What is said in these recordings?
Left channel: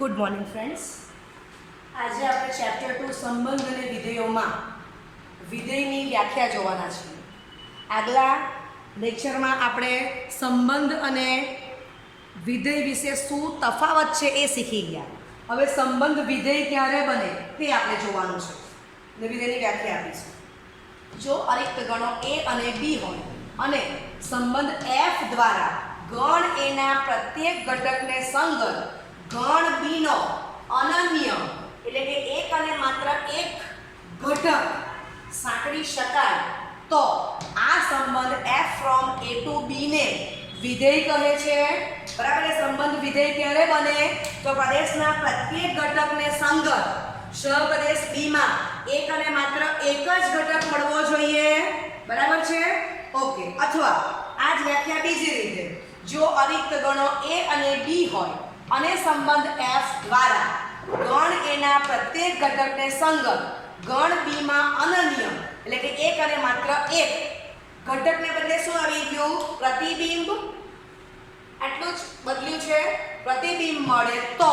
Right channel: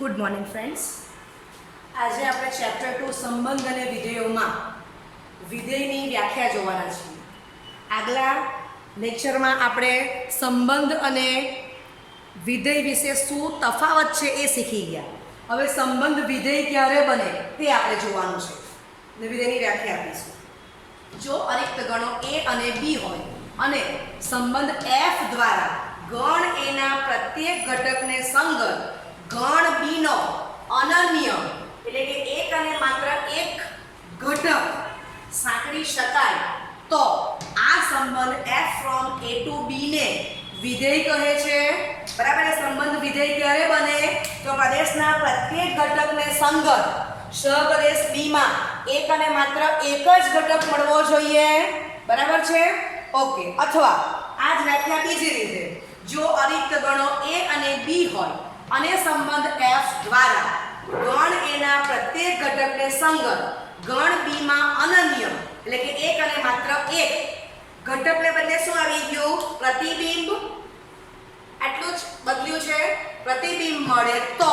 Good morning friends. આજે આપણે chapter 2 સંબંધ અને વિધેયોમાં વિધેયની વ્યાખ્યા જોવાના છીએ. આગલા લેક્ચરમાં આપણે સંબંધ અને વિધેય વિશે શું તફાવત છે એ શીખી ગયા. હવે સંબંધ વિધેય ક્યારે બને તે આપણે જોવાનું છે અને વિધેયની વ્યાખ્યા આપીશું. જો અરિક્ત ગણો a અને b હોય અને સંબંધ f દ્વારા ગણ એના પ્રત્યેક ઘટકને સંગત ગણ બીનો અનન્ય એટલે કે એક અને માત્ર એક ઘટક સાંકળી શકાય તો આ સંબંધ f from a to b ને વિધેય કહે છે. બરાબર. એ સંબંધ વિધેય ક્યારે બને તો પ્રદેશના પ્રત્યેક ઘટકને સંગત સહપ્રદેશ b માં એક અને માત્ર એક જ ઘટક મળવો જોઈએ. બરાબર છે. ઓકે. અથવા આ જ વ્યાખ્યા બીજી રીતે, જો અરિક્ત ગણો a અને b હોય અને સંબંધ f દ્વારા ગણ એના પ્રત્યેક ઘટકને સંગત ગણ b માં અનન્ય એટલે કે એક અને માત્ર એક ઘટકને બદલે શું આવી ગયું? પ્રતિબિંબ. આટલું જ બદલ્યું છે. પ્રતિબિંબ મળે તો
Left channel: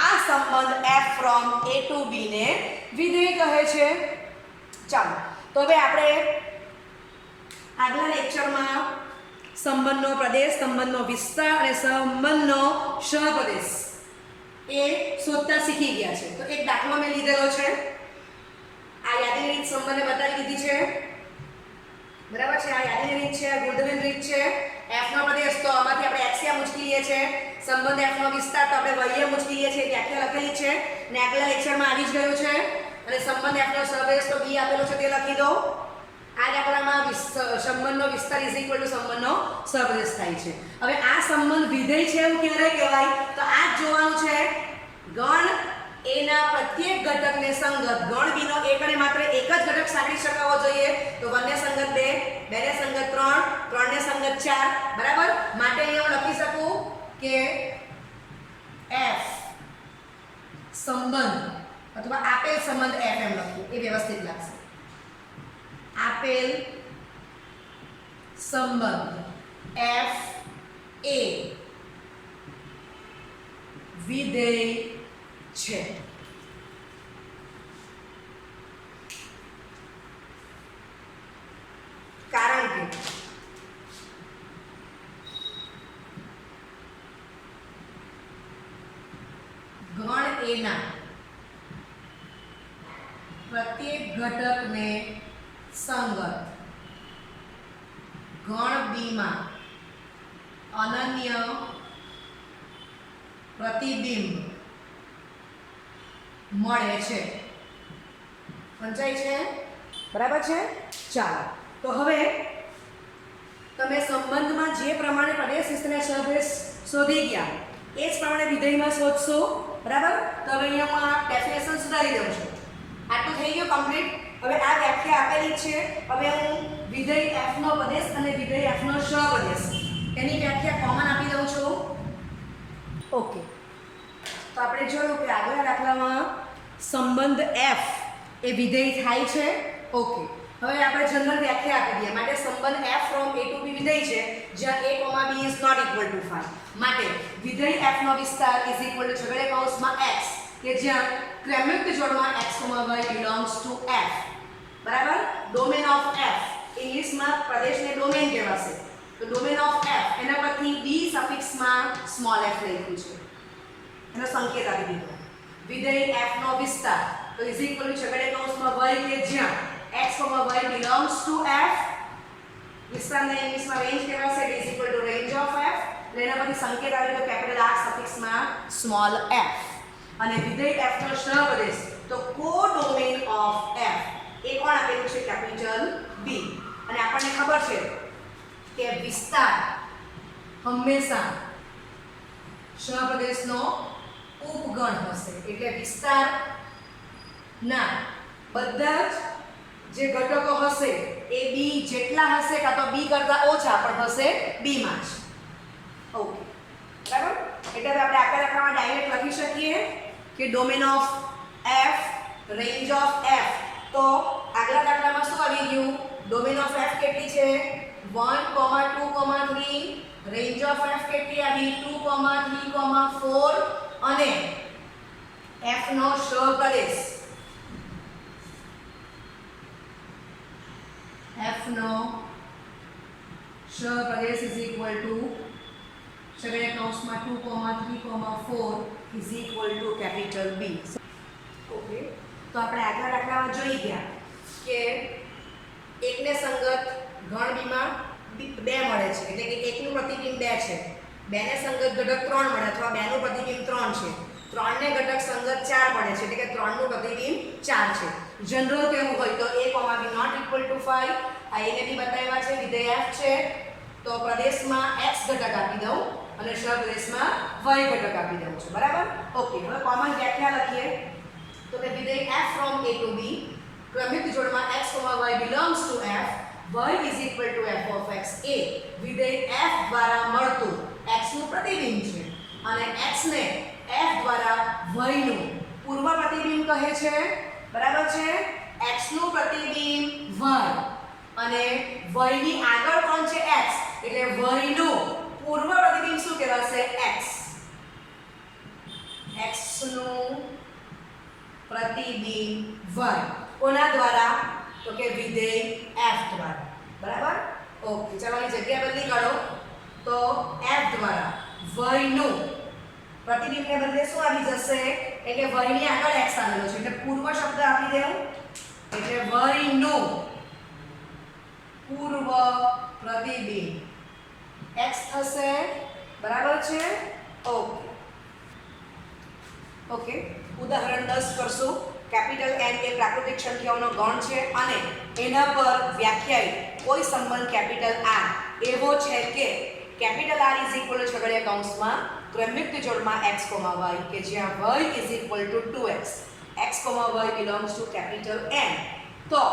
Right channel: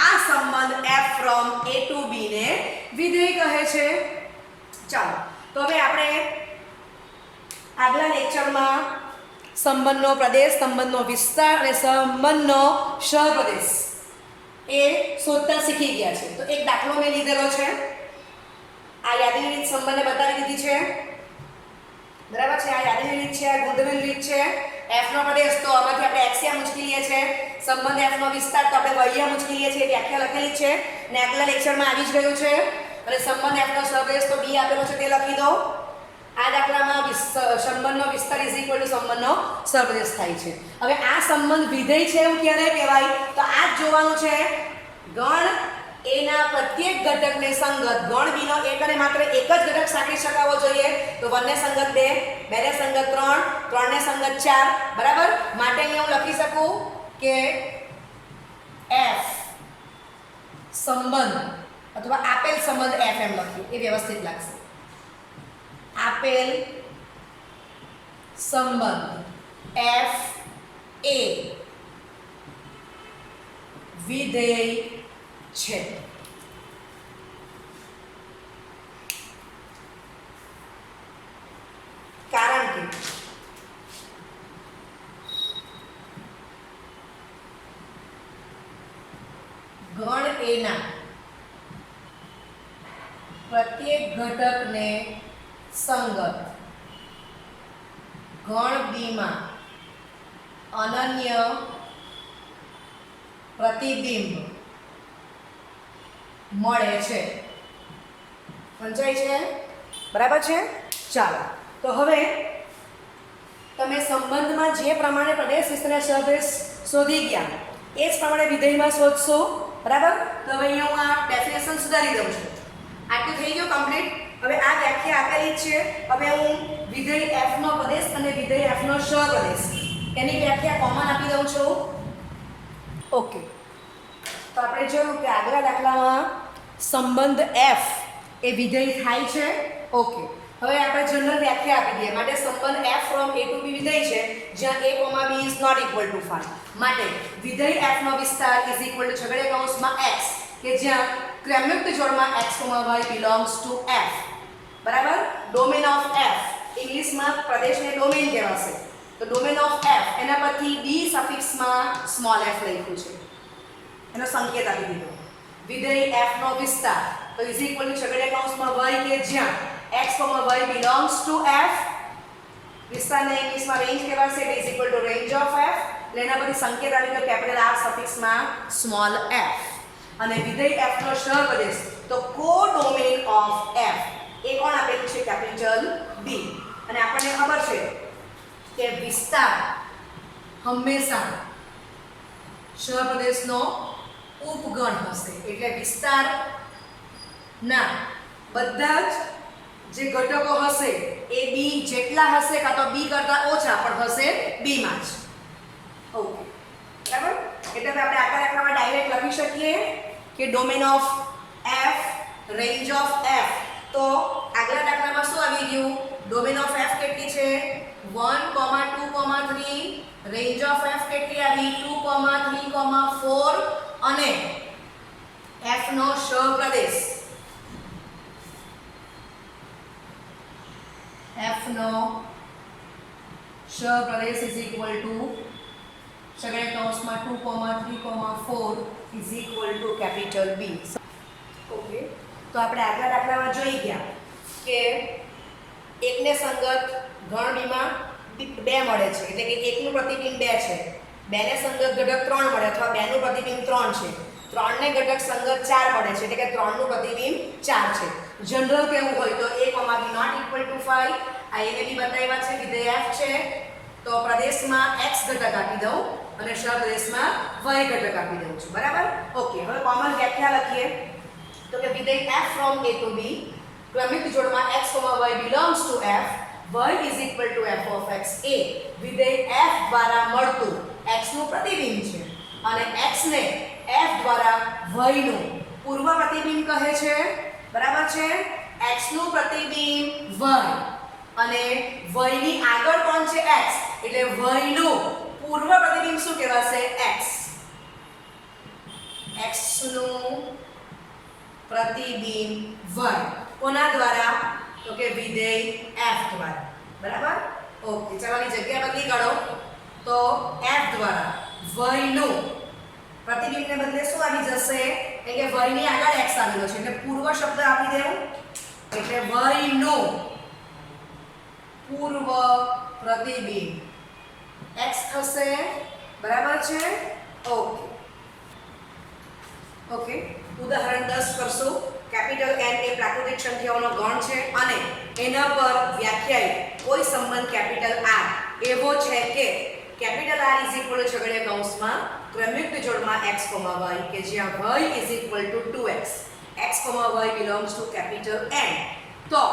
આ સંબંધ f from a to b ને વિધેય કહે છે. ચાલો તો હવે આપણે આગલા લેક્ચરમાં સંબંધનો પ્રદેશ, સંબંધનો વિસ્તાર અને સંબંધનો સહપ્રદેશ એ શોધતા શીખી ગયા છે. તો એક દાખલો મેં લીધેલો છે. આ યાદીની રીત સંબંધને બતાવી દીધી છે. બરાબર છે. આ યાદીની રીત છે, આ ગુંદવેલ રીત છે. f નો પ્રદેશ તો આમાંથી આપણે એક્સિયા મૂકી લઈએ છે. સંબંધ f નો વિસ્તાર તો આપણે વહ્ય મૂકી લઈએ છે. વ્યાખ્યા લખેલી છે ને આગલા લેક્ચરમાં આવી જ ગયું છે. અને સંબંધ f નો સહપ્રદેશ તો b આપેલો છે તે લખી દો. આ દાખલામાં સંબંધનો વિસ્તાર ઇઝ ઇક્વલ ટુ સંબંધનો સહપ્રદેશ થાય છે. હવે આ સંબંધ વિધેય છે એવું ક્યારે કહેવાય? તો આ જ જોવાનું છે. ગણ એના પ્રત્યેક ઘટકને સંગત ગણ બીનો એક અને માત્ર એક જ ઘટક સાંકળી શકાવો જોઈએ. તો 1 ને સંગત 2, 2 ને સંગત 3, 3 ને સંગત 4. બરાબર. માટે અહીંયા હું લખી શકું કે f સંબંધ અથવા આપેલ સંબંધ f એમ લખ્યું એ વ્યવસ્થિત લાગશે. આપેલ સંબંધ f એ વિધેય છે. કારણ કે ગણ એના પ્રત્યેક ઘટકને સંગત ગણ બી માં અનન્ય પ્રતિબિંબ મળે છે. સમજાય છે? બરાબર છે. ચાલો તો હવે તમે સંબંધમાં જે પ્રમાણે પ્રદેશ વિસ્તાર સહપ્રદેશ શોધી ગયા એ જ પ્રમાણે વિધેયમાં શોધશો. બરાબર. તો હવે અહીંયા હું આ ડેફિનેશન સુધારી દઉં છું. આટલું થઈ ગયું કમ્પ્લીટ. હવે આ વ્યાખ્યા આપેલી છે. હવે હું વિધેય f નો પ્રદેશ અને વિધેય f નો સહપ્રદેશ એની વ્યાખ્યા કોમન આપી દઉં છું. ઓકે. તો આપણે જોયું કે આગલા દાખલામાં સંબંધ f એ વિધેય થાય છે. ઓકે. હવે આપણે જનરલ વ્યાખ્યા આપી દઈએ. માટે સંબંધ f from a to b વિધેય છે જ્યાં a, b is not equal to 5. માટે વિધેય f નો વિસ્તાર ઇઝ ઇક્વલ ટુ છગડીયા કૌંસમાં x કે જ્યાં ક્રમયુક્ત જોડમાં x, y belongs to f. બરાબર. ડોમેન ઓફ f ઇંગ્લિશમાં પ્રદેશને ડોમેન કહેવાશે. તો ડોમેન ઓફ f એના પરથી d સફિક્સમાં સ્મોલ f લખ્યું છે. એનો સંકેત આપી દીધો. વિધેય f નો વિસ્તાર તો ઇઝ ઇક્વલ ટુ છગડીયા કૌંસમાં y કે જ્યાં x, y belongs to f. વિસ્તારને ઇંગ્લિશમાં રેન્જ કહેવાશે. Is equal two range of f. એટલે એના પરથી સંકેત આવી ગયો કેપિટલ R સફિક્સમાં સ્મોલ f. અને વિધેય f નો સહપ્રદેશ તો કોડોમેન ઓફ f એ કોણ આપેલું છે? Capital B. અને આપણને ખબર છે કે વિસ્તાર હંમેશા સહપ્રદેશનો ઉપગણ હશે. એટલે વિસ્તારના બધા જ જે ઘટકો હશે એ b જેટલા હશે કાં તો b કરતાં ઓછા પણ હશે b માં જ. ઓકે. બરાબર. એટલે હવે આપણે આગળ દાખલામાં ડાયરેક્ટ લખી શકીએ કે domain of f range of f. તો આગલા દાખલામાં શું આવી ગયું? ડોમેન ઓફ f કેટલી છે? 1, 2, 3. રેન્જ ઓફ f કેટલી આવી? 2, 3, 4 અને એફ નો સહપ્રદેશ, એફ નો સહપ્રદેશ ઇઝ ઇક્વલ ટુ સગળે કૌંસમાં 2, 3, 4 is equal to capital B. Okay, તો આપણે આગલા દાખલામાં જોઈ ગયા કે એકને સંગત ગણ બીમાં 2 મળે છે, એટલે કે એકનું પ્રતિબિંબ 2 છે, બેને સંગત ઘટક 3 મળે અથવા બેનું પ્રતિબિંબ 3 છે, 3 ને ઘટક સંગત 4 મળે છે, એટલે કે 3 નું પ્રતિબિંબ 4 છે. જનરલ કેવું હોય તો a, b not equal to 5, આ a ને b બતાવ્યા છે, વિધેય f છે, તો પ્રદેશમાં x ઘટક આપી દઉં અને સહપ્રદેશમાં y ઘટક આપી દઉં છું. બરાબર? ઓકે, હવે કોમન વ્યાખ્યા લખીએ તો કે વિધેય f from a to b ક્રમિક જોડમાં x, y belongs to f, y is equal to f of x a. વિધેય f દ્વારા મળતું x નું પ્રતિબિંબ છે અને x ને f દ્વારા y નું પૂર્વ પ્રતિબિંબ કહે છે. બરાબર છે? x નું પ્રતિબિંબ y અને y ની આગળ કોણ છે? x, એટલે y નું પૂર્વ પ્રતિબિંબ શું કહેવાશે? x. x નું પ્રતિબિંબ y કોના દ્વારા? તો કે વિધેય f દ્વારા. બરાબર? ઓકે, ચાલોની જગ્યા બદલી કરો તો f દ્વારા y નું પ્રતિબિંબને બદલે શું આવી જશે? એટલે કે y ની આગળ x આવેલો છે એટલે પૂર્વ શબ્દ આપી દેવું, એટલે y નું પૂર્વ પ્રતિબિંબ x થશે. બરાબર છે? ઓકે ઓકે, ઉદાહરણ 10 કરશું. કેપિટલ N એ પ્રાકૃતિક સંખ્યાઓનો ગણ છે અને એના પર વ્યાખ્યાયિત કોઈ સંબંધ કેપિટલ R એવો છે કે capital R is equal two છગડીયા કૌંસમાં ક્રમિક જોડમાં x, y કે જ્યાં y is equal to 2x, x, y belongs to capital N. તો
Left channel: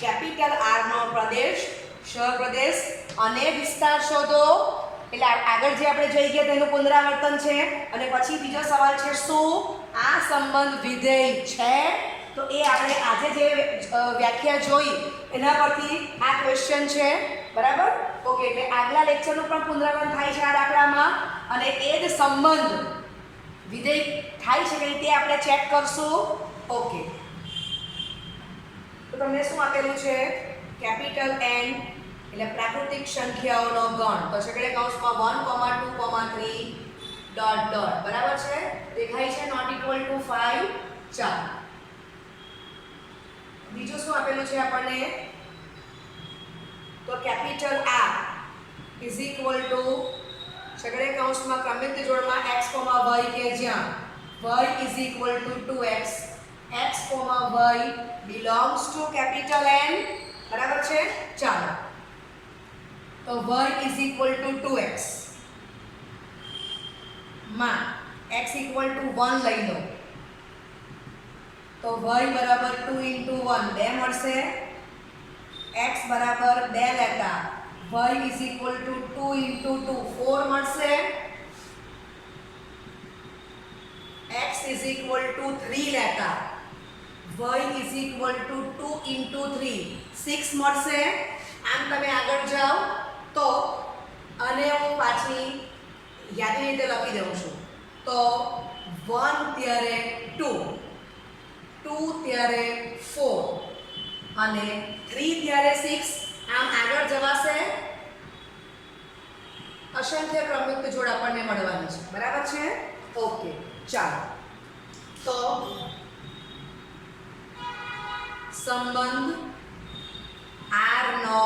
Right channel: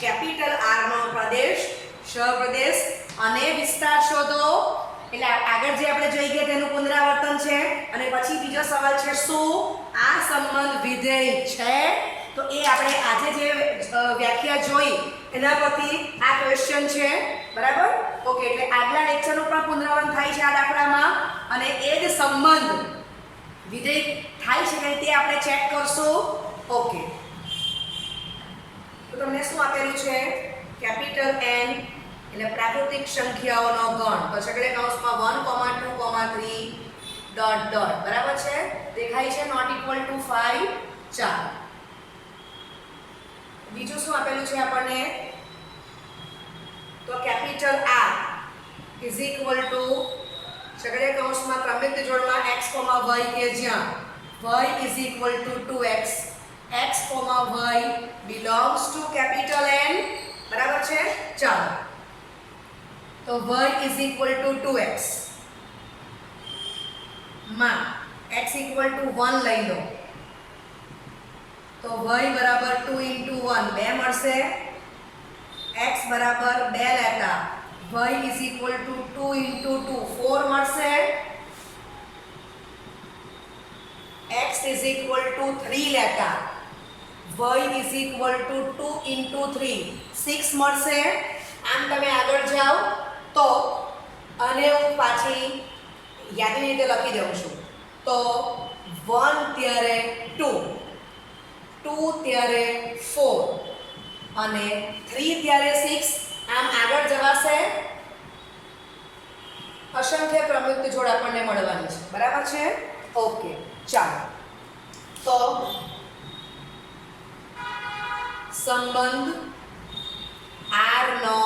કેપિટલ R નો પ્રદેશ, સહપ્રદેશ અને વિસ્તાર શોધો. એટલે આગળ જે આપણે જોઈ ગયા તેનું પુનરાવર્તન છે અને પછી બીજો સવાલ છે શું આ સંબંધ વિધેય છે? તો એ આપણે આજે જે વ્યાખ્યા જોઈ એના પરથી આ ક્વેશ્ચન છે. બરાબર? ઓકે, એટલે આગલા લેક્ચરનું પણ પુનરાવર્તન થાય છે આ દાખલામાં અને એ જ સંબંધ વિધેય થાય છે કે તે આપણે ચેક કરશું. ઓકે, તો તમને શું આપેલું છે? કેપિટલ N એટલે પ્રાકૃતિક સંખ્યાઓનો ગણ, તો છગડે કૌંસમાં 1, 2, 3 ડોટ ડોટ. બરાબર છે? દેખાય છે? Not equal to 5, 4. બીજું શું આપેલું છે આપણને? તો capital R is equal to છગડે કૌંસમાં ક્રમિક જોડમાં x, y કે જ્યાં y is equal to 2x, x, y belongs to capital N. બરાબર છે? ચાલો, તો y is equal to 2x માં x equal to 1 લઈ લો તો y બરાબર 2 into 1 2 મળશે, x બરાબર 2 લેતા y is equal to 2 into 2 4 મળશે, x is equal to 3 લેતા y is equal to 2 into 3 6 મળશે. આમ તમે આગળ જાઓ તો અને હું પાછી યાદની રીતે લખી દઉં છું. તો 1 ત્યારે 2, 2 ત્યારે 4 અને 3 ત્યારે 6. આમ આગળ જવાશે. અસંખ્ય ક્રમયુક્ત જોડ આપણને મળવાની છે. બરાબર છે? ઓકે, ચાલો, તો સંબંધ R નો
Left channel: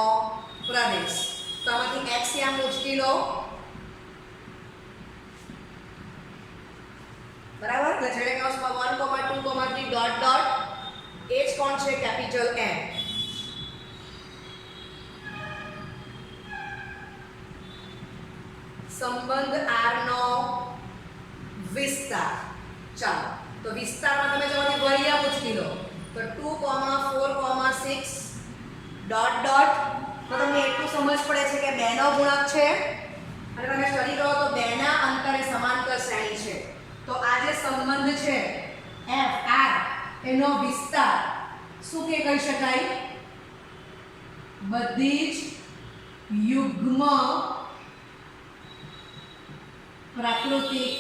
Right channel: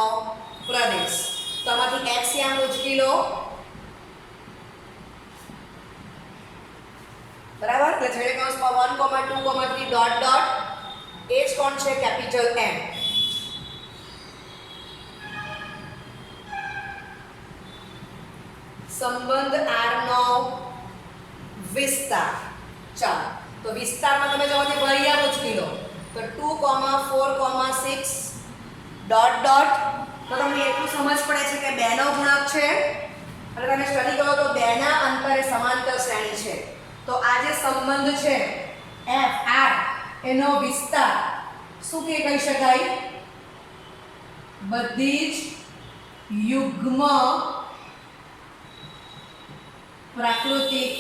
પ્રદેશ, તો આમાંથી x યામ ઉચકી લો. બરાબર? એટલે છેલ્લે કૌંસમાં 1, 2, 3 ડોટ ડોટ. એ જ કોણ છે? Capital N. સંબંધ R નો વિસ્તાર. ચાલો, તો વિસ્તારમાં તમે જો મને y યામ ઉચકી લો તો 2, 4, 6 ડોટ ડોટ. તો તમને એટલું સમજ પડે છે કે 2 નો ગુણક છે અને તમે સ્ટડી કરો તો 2 ના અંતરે સમાંતર શ્રેણી છે. તો આ જે સંબંધ છે f r એનો વિસ્તાર શું કે કહી શકાય? બધી જ યુગ્મ પ્રાકૃતિક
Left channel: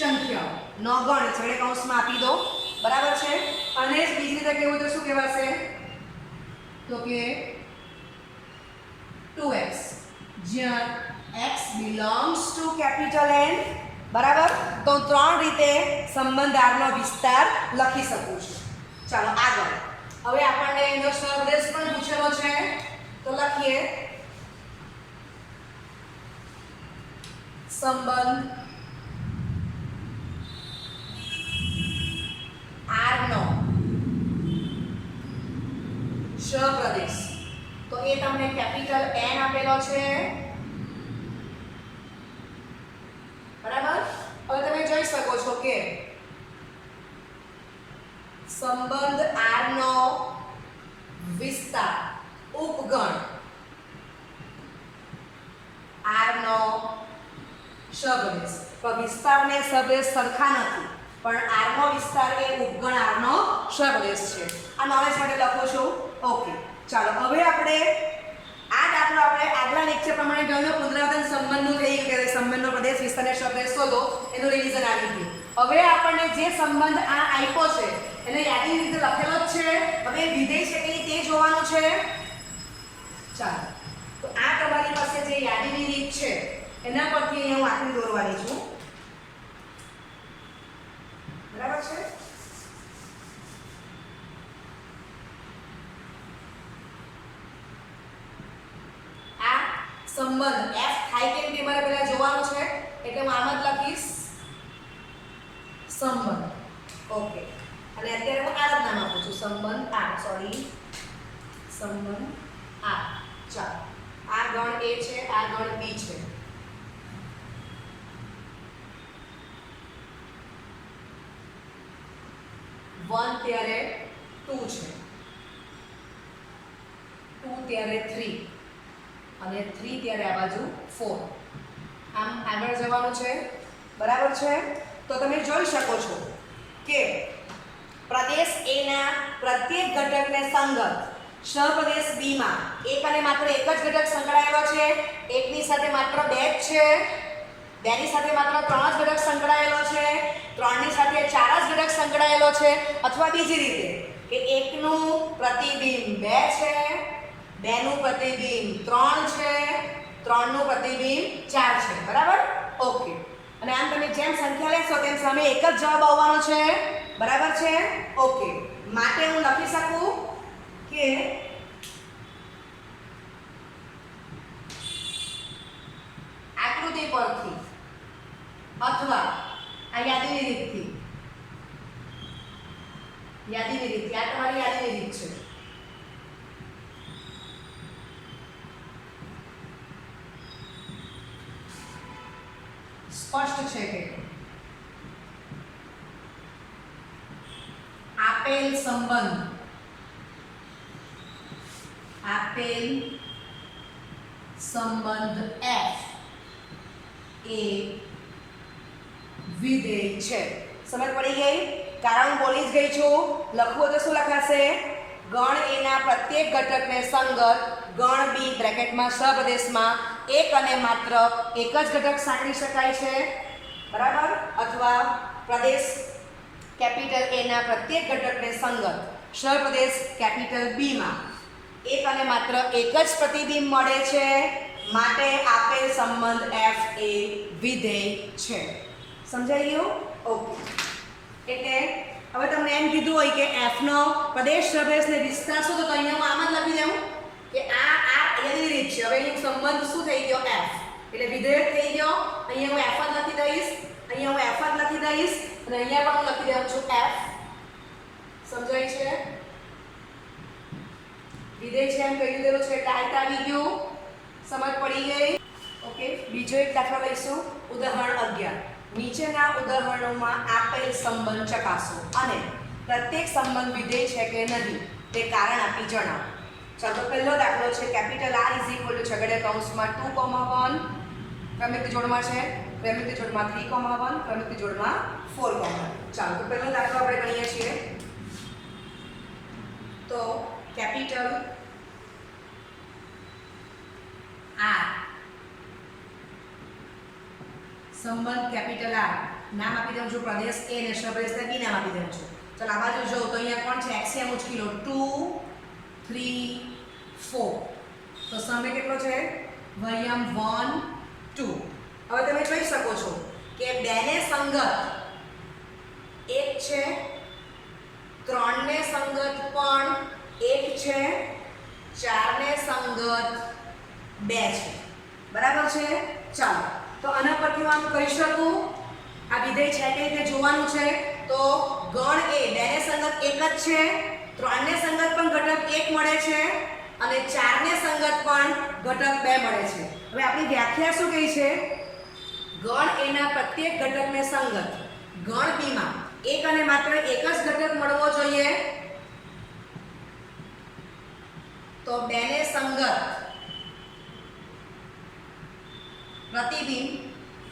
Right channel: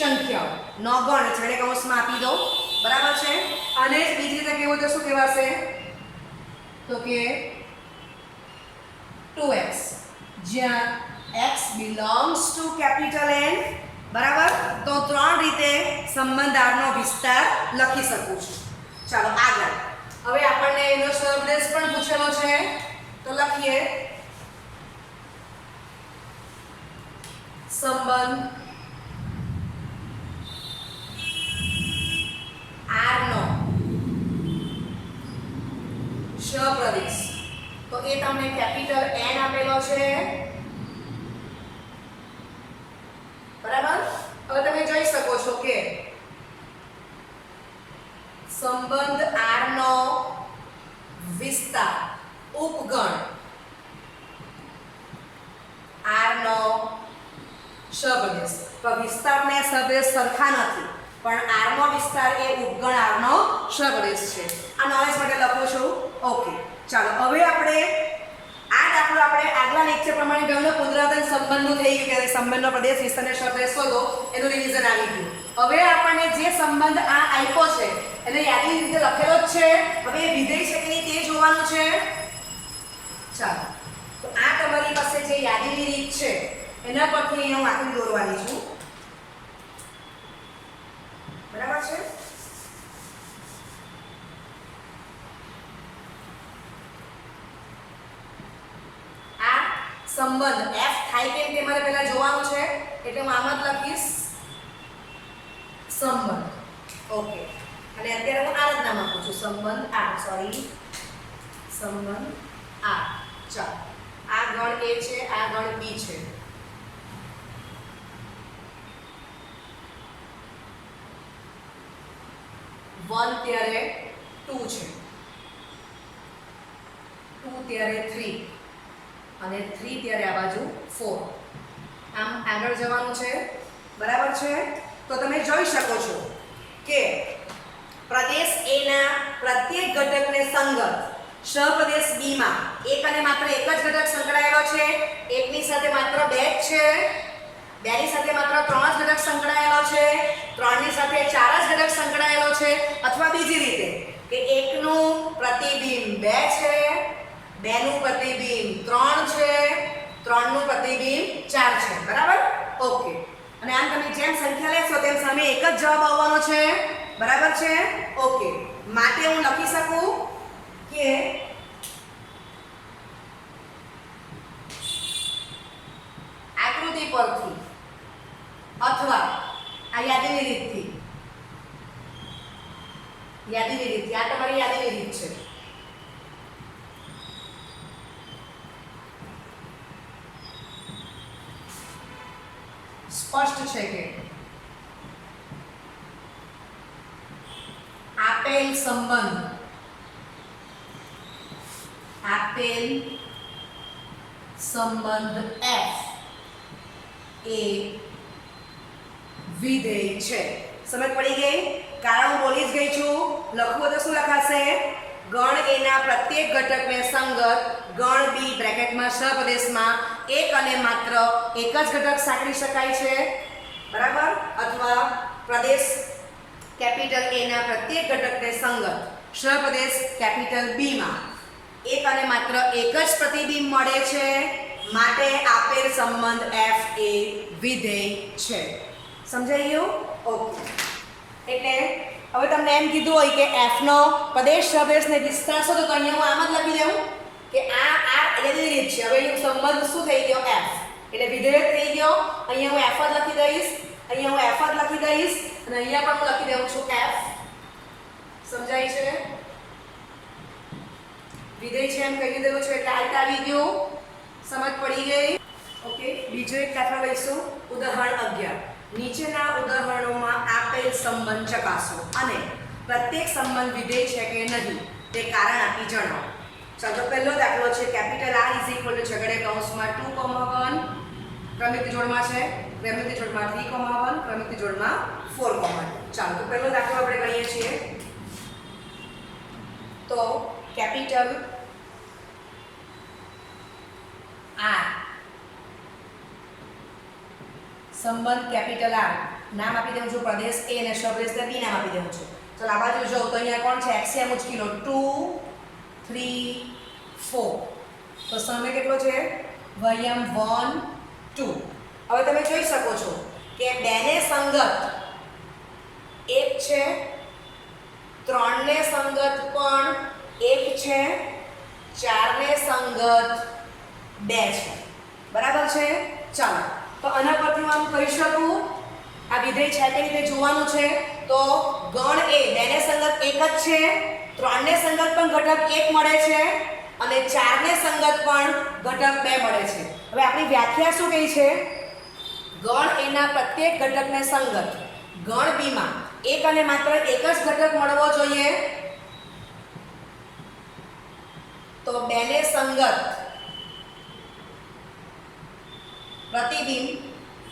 સંખ્યાઓ નો ગણ છેડે કૌંસમાં આપી દો, બરાબર છે. અને બીજી રીતે કેવું તો શું કહેવાશે, તો કે 2x, જ્યાં x belongs to capital N, બરાબર. તો ત્રણ રીતે સંબંધ R નો વિસ્તાર લખી શકું છું. ચાલો આગળ. હવે આપણને એનો સહદેશ પણ પૂછેલો છે, તો લખીએ સંબંધ R નો સહપ્રદેશ. તો એ તમને કેપિટલ N આપેલો છે, બરાબર. હવે તમે જોઈ શકો છો કે સંબંધ R નો વિસ્તાર ઉપગણ R નો સહપ્રદેશ. તો વિસ્તાર ને સહપ્રદેશ સરખા નથી, પણ R નો વિસ્તાર એ ઉપગણ R નો સહપ્રદેશ છે. આ નોલેજ માટે લખું છું. ઓકે, ચાલો હવે આપણે આ દાખલો આપણે આગલા લેક્ચર પ્રમાણે ગણનો પુનરાવર્તન સંબંધનું થઈ ગયું કે સંબંધનો પ્રદેશ વિસ્તારને સહપ્રદેશ શોધો, એનું રિવિઝન આવી ગયું. હવે આપણને જે સંબંધ આ આપ્યો છે એને યાદીની રીતે લખેલો જ છે. હવે વિધેય છે કે નહીં તે જોવાનું છે. ચાલો, તો આ તમારી પાસે જે યાદીની રીત છે એના પરથી હું આકૃતિ દોરવાની છું, બરાબર છે. આ સંબંધ f થાય કેમ તે મારે પહેલા જોવાનું છે, એટલે હું આમ જ લખીશ સંબંધ. ઓકે, અને અત્યારે હું આ જ નામ આપું છું, સંબંધ R. સંબંધ R. ચાલો, આ ગણ A છે, આ ગણ B છે. વન ત્યારે 2 છે, 2 ત્યારે 3 અને 3 ત્યારે આ બાજુ 4. આમ આગળ જવાનું છે, બરાબર છે. તો તમે જોઈ શકો છો કે પ્રદેશ A ના પ્રત્યેક ઘટકને સંગત સહપ્રદેશ B માં એક અને માત્ર એક જ ઘટક સંકળાયેલો છે, એકની સાથે માત્ર 2 જ છે, 2 ની સાથે માત્ર 3 જ ઘટક સંકળાયેલો છે, 3 ની સાથે 4 જ ઘટક સંકળાયેલો છે, અથવા બીજી રીતે કે એકનું પ્રતિબિંબ 2 છે, 2 નું પ્રતિબિંબ 3 છે, 3 નું પ્રતિબિંબ 4 છે, બરાબર. ઓકે, અને આમ તમે જેમ સંખ્યા લેશો તેમ સામે એક જ જવાબ આવવાનો છે, બરાબર છે. ઓકે, માટે હું લખી શકું કે આકૃતિ પરથી અથવા આ યાદીની રીતથી આ તમારી યાદીની રીત છે. સ્પષ્ટ છે કે આપેલ સંબંધ f એ વિધેય છે. સમજ પડી ગઈ? કારણ હું બોલી જ ગઈ છું. લખવું તો શું લખાશે? ગણ A ના પ્રત્યેક ઘટકને સંગત ગણ B બ્રેકેટમાં સહપ્રદેશમાં એક અને માત્ર એક જ ઘટક સાંકળી શકાય છે, બરાબર. અથવા પ્રદેશ કેપિટલ A ના પ્રત્યેક ઘટકને સંગત સહપ્રદેશ કેપિટલ B માં એક અને માત્ર એક જ પ્રતિબિંબ મળે છે, માટે આપેલ સંબંધ f એ વિધેય છે. સમજાઈ ગયું? ઓકે, એટલે હવે તમને એમ કીધું હોય કે f નો પ્રદેશ સહપ્રદેશને વિસ્તાર શોધો, તો અહીંયા હું આમ જ લખી દઉં કે આ એની રીત છે. હવે અહીં સંબંધ શું થઈ ગયો? f, એટલે વિધેય થઈ ગયો. અહીંયા હું f જ લખી દઈશ, અહીંયા હું f જ લખી દઈશ, અને અહીંયા પણ હું લખી દઉં છું f. સમજાય છે? વિધેય છે એમ કહી દીધેલું છે એટલે આ આવી ગયું. સમજ પડી ગઈ? ઓકે, બીજો એક દાખલા લઈશું. ઉદાહરણ 11. નીચેના ઉદાહરણોમાં આપેલ સંબંધ ચકાસો અને પ્રત્યેક સંબંધ વિધેય છે કે નહીં તે કારણ આપી જણાવો. ચાલો, પહેલો દાખલો છે કેપિટલ R છગડે કૌંસમાં 2,1 ક્રમિક જોડમાં છે, ક્રમિક જોડમાં 3,1, ક્રમિક જોડમાં 4,2. ચાલો, તો પહેલો દાખલો આપણે ગણીએ છીએ. તો કેપિટલ R સંબંધ કેપિટલ R નામ આપી દઉં છું પ્રદેશ A અને સપ્રદેશ B નામ આપી દઉં છું. ચાલો આ બાજુ જોઉં તો અહીંયા કોણ છે એક્સએમ ઉચકી લો 2 3 4. તો સામે કેટલો છે વયમ 1 2. હવે તમે જોઈ શકો છો કે 2 ને સંગત 1 છે, 3 ને સંગત પણ 1 છે, 4 ને સંગત 2 છે. બરાબર છે. ચાલો તો આના પરથી હું આમ કહી શકું આ વિધેય છે કે રીતે જોવાનું છે તો ગણ એ 2 ને સંગત 1 જ છે, 3 ને સંગત પણ ઘટક 1 મળે છે અને 4 ને સંગત પણ ઘટક 2 મળે છે. હવે આપણી વ્યાખ્યા શું કહી છે ગણ એ ના પ્રત્યેક ઘટકને સંગત ગણ બી માં એક અને માત્ર એક જ ઘટક મળવો જોઈએ તો 2 ને સંગત પ્રતિબિંબ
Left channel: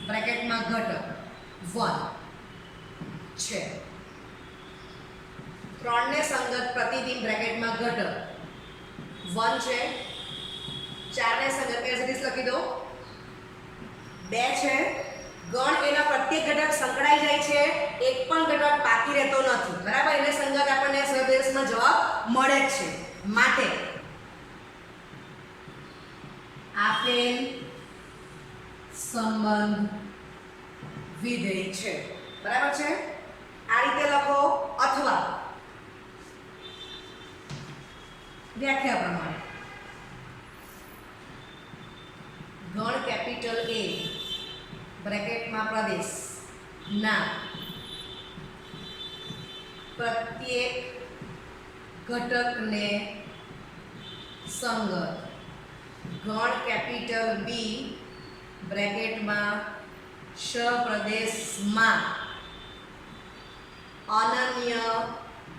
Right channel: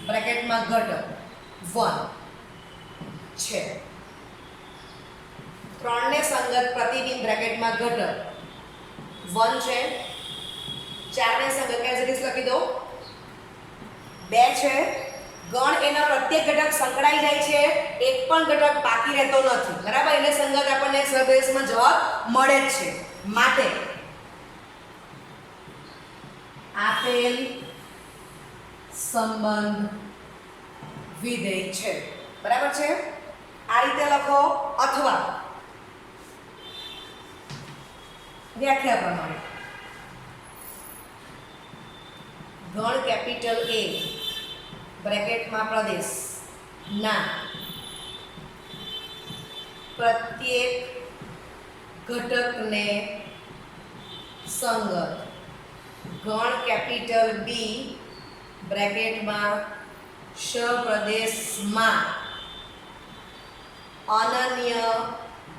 બ્રેકેટમાં ઘટક 1 છે, 3 ને સંગત પ્રતિબિંબ બ્રેકેટમાં ઘટક 1 છે, 4 ને સંગત એઝ ઇટ ઇઝ લખી દો 2 છે. ગણ એના પ્રત્યેક ઘટક સંકળાઈ જાય છે, એક પણ ઘટક બાકી રહેતો નથી. બરાબર. એને સંગત આપણને સપ્રદેશમાં જવાબ મળે જ છે. માટે આપેલ સંબંધ વિધેય છે. બરાબર છે. આ રીતે લખો અથવા વ્યાખ્યા પ્રમાણે ગણ કેપિટલ A બ્રેકેટમાં પ્રદેશ ના પ્રત્યેક ઘટકને સંગત ગણ કેપિટલ B બ્રેકેટમાં સપ્રદેશમાં અનન્ય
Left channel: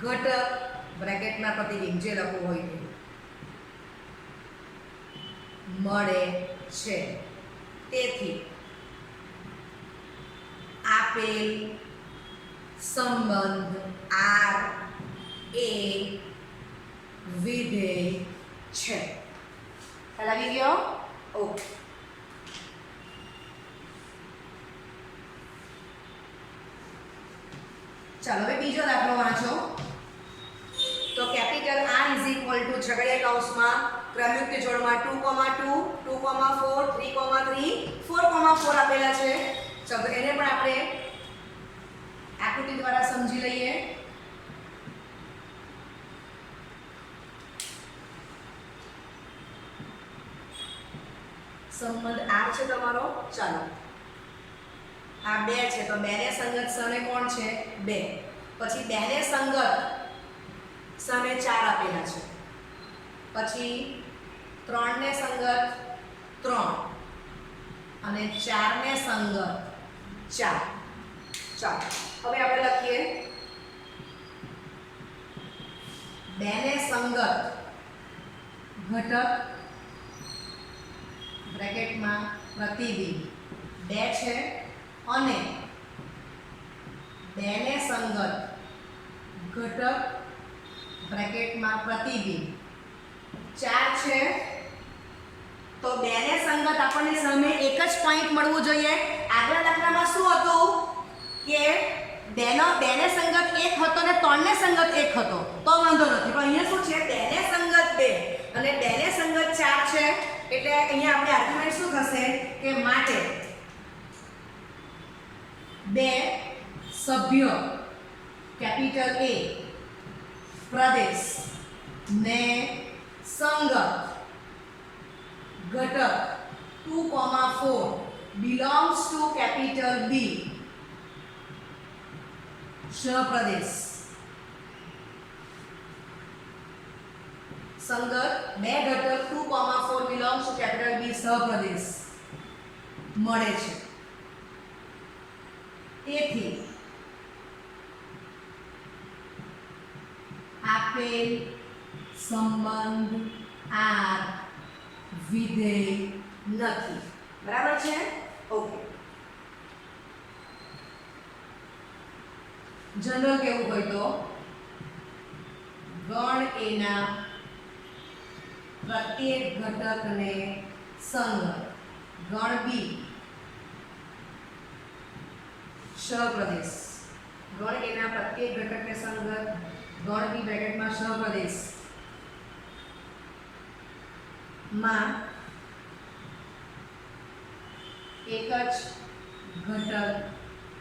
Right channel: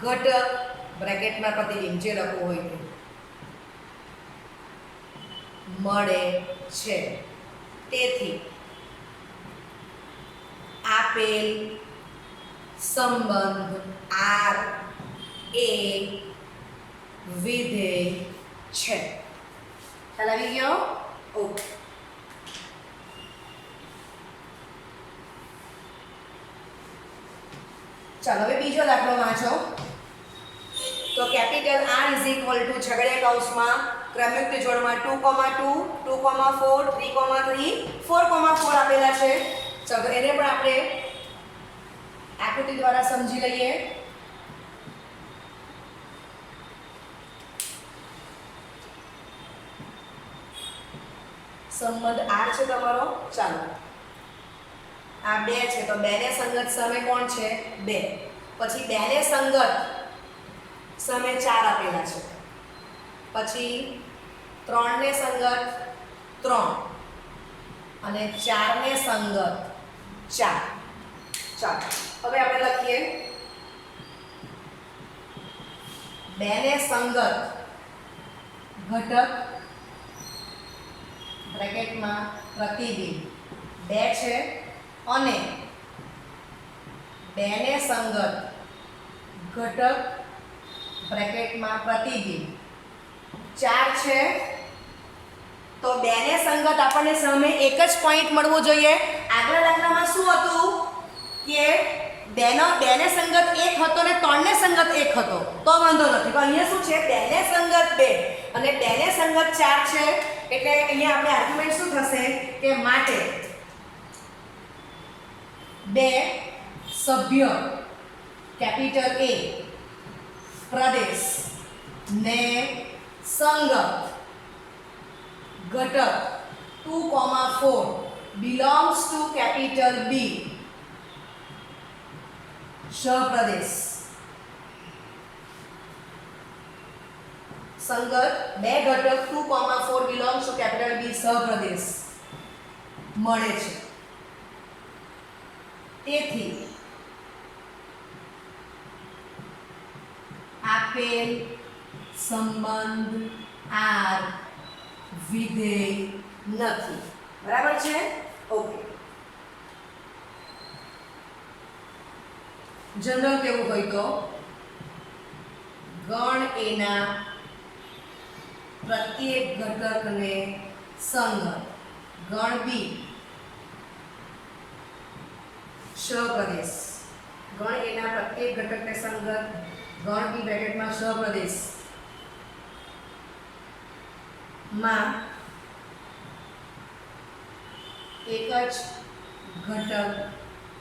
ઘટક બ્રેકેટમાં પ્રતિબિંબ જે લખવું હોય તે મળે છે. તેથી આપેલ સંબંધ R એ વિધેય છે. ખ્યાલ આવી ગયો? ઓકે. ચાલો હવે બીજો દાખલો વાંચો. તો capital R is equal two છગડીયા કૌંસમાં ક્રમયુક્ત જોડમાં 2, 2, 2, 4, 3, 3, 4, 4 આપેલા છે. ચાલો તો એને પણ આપણે આકૃતિ દ્વારા સમજી લઈએ. સંબંધ R છે તમારો. ચાલો આ 2 છે તો 2 ને સંગત સામે કોણ છે 2. પછી 2 ને સંગત સામે 4 આપેલા છે. પછી 3 ને સંગત 3 અને 4 ને સંગત 4. ચાલો હવે આપણે લખીએ 2 ને સંગત ઘટક બ્રેકેટમાં પ્રતિબિંબ 2 છે અને 2 ને સંગત ઘટક બ્રેકેટમાં પ્રતિબિંબ 4 છે. તો 2 ને સંગત આપણને સામે એક જ પોઈન્ટ મળવું જોઈએ. આગલા દાખલામાં શું હતું કે 2 ને સંગત 1 હતો ને 3 ને સંગત 1 હતો તો વાંધો નથી. પણ અહીંયા શું છે 2 ને સંગત 2 અને 2 ને સંગત 4 છે. એટલે અહીંયા આપણે આર્ગ્યુમેન્ટ શું થશે કે માટે 2 સભ્ય કેપિટલ A પ્રદેશ ને સંગત ઘટક 2, 4 belongs to capital B સપ્રદેશ સંગત 2 ઘટક 2, 4 belongs to capital B સપ્રદેશ મળે છે. તેથી આપેલ સંબંધ R વિધેય નથી. બરાબર છે. ઓકે. જનરલ કેવું હોય તો ગણ એના પ્રત્યેક ઘટકને સંગત ગણ B સહપ્રદેશ, ગણ એના પ્રત્યેક ઘટકને સંગત, ગણ બી બ્રેકેટમાં સહપ્રદેશ માં એક જ ઘટક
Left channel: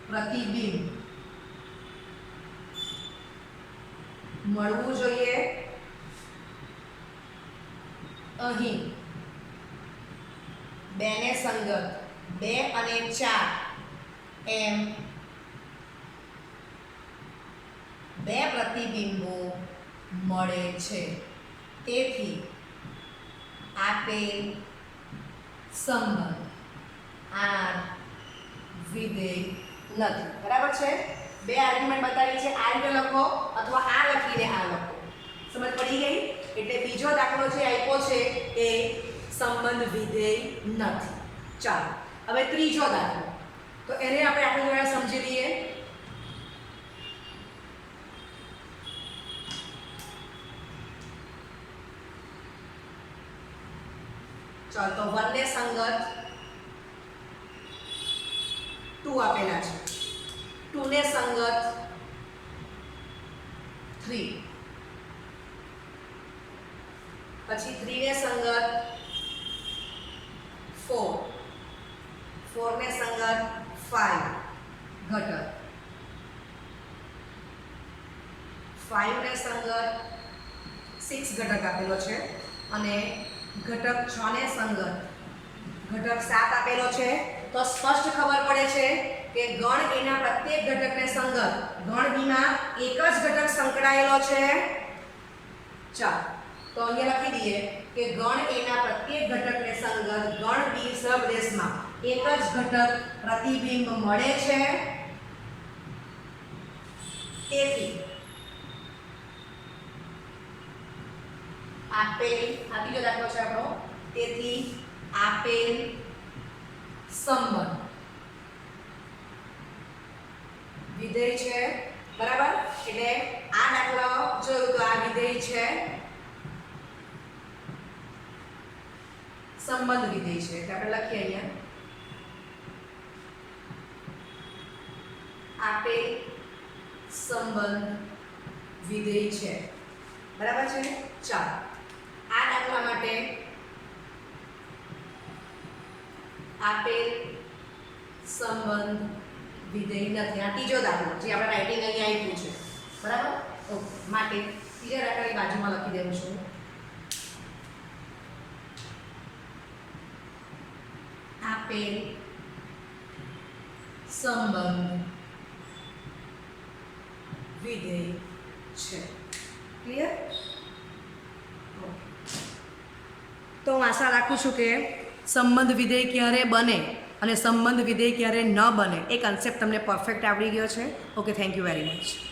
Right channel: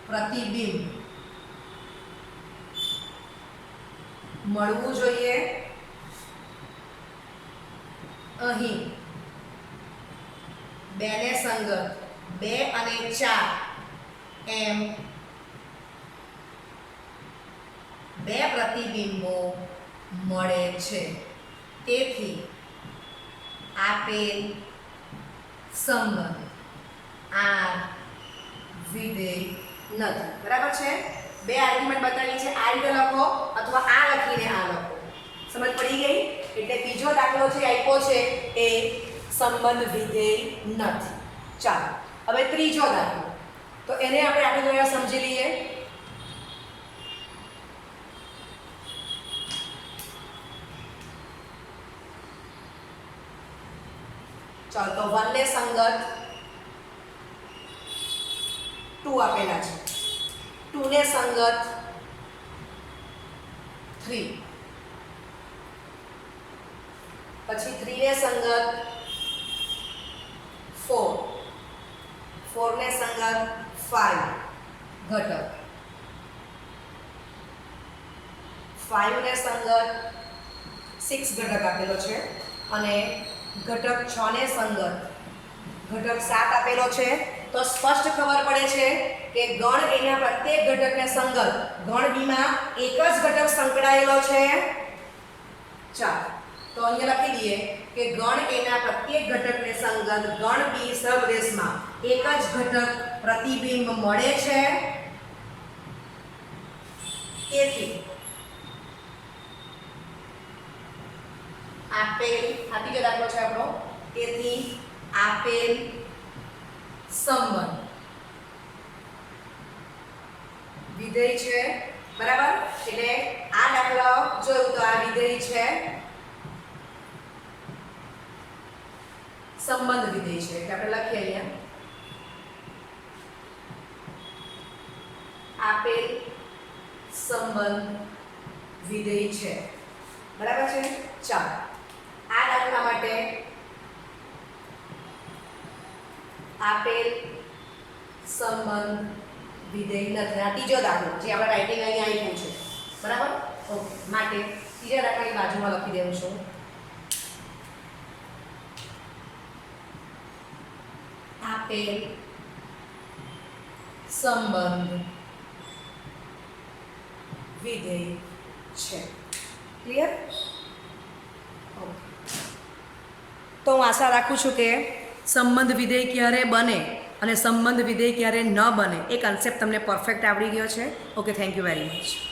પ્રતિબિંબ મળવું જોઈએ. અહીં 2 ને સંગત 2 અને 4 એમ 2 પ્રતિબિંબો મળે છે. તેથી આપેલ સંબંધ આ વિધેય નથી. બરાબર છે? 2 આર્ગ્યુમેન્ટ બતાવી છે. આ રીતે લખો અથવા આ લખીને આ લખો. સમજ પડી ગઈ? એટલે બીજો દાખલો જે આપ્યો છે એ સંબંધ વિધેય નથી. ચાલો હવે ત્રીજો દાખલો, તો એને આપણે દ્વારા સમજી લઈએ. ચાલો તો 1 ને સંગત 2 આપેલા છે, 2 ને સંગત 3, પછી 3 ને સંગત 4, 4 ને સંગત 5 ઘટક, 5 ને સંગત 6 ઘટક આપેલો છે અને ઘટક 6 ને સંગત ઘટક 7 આપેલો છે. તો સ્પષ્ટ ખબર પડે છે કે ગણ એના પ્રત્યેક ઘટકને સંગત, ગણ બીમાં એક જ ઘટક સંકળાયેલો છે. ચાલો તો અહીંયા લખી દઈએ કે ગણ એના પ્રત્યેક ઘટકને સંગત, ગણ બી સહપ્રદેશમાં એક જ ઘટક પ્રતિબિંબ મળે છે. તેથી આપેલ, આ બીજો દાખલો છે આપણો, તેથી આપેલ સંબંધ વિધેય છે. બરાબર? એટલે આ દાખલો જોયું તો આ વિધેય છે, સંબંધ વિધેય છે. એટલે આપણે લખીએ અહીંયા આપેલ સંબંધ વિધેય છે. બરાબર છે? ચાલો આ દાખલા માટે આપેલ સંબંધ વિધેય નથી. આ ત્રીજો દાખલો જે આપણે રાઇટિંગ અહીંયા આપ્યું છે. બરાબર? ઓકે, માટે ત્રીજા દાખલાની બાજુમાં લખી દેવું છું. આપેલ સંબંધ વિધેય છે. ક્લિયર? તો હું આશા રાખું છું કે સંબંધ વિધેય ક્યારે બને અને સંબંધ વિધેય ક્યારે ન બને એ કન્સેપ્ટ તમને પરફેક્ટ આવડી ગયો છે. Okay, thank you very much.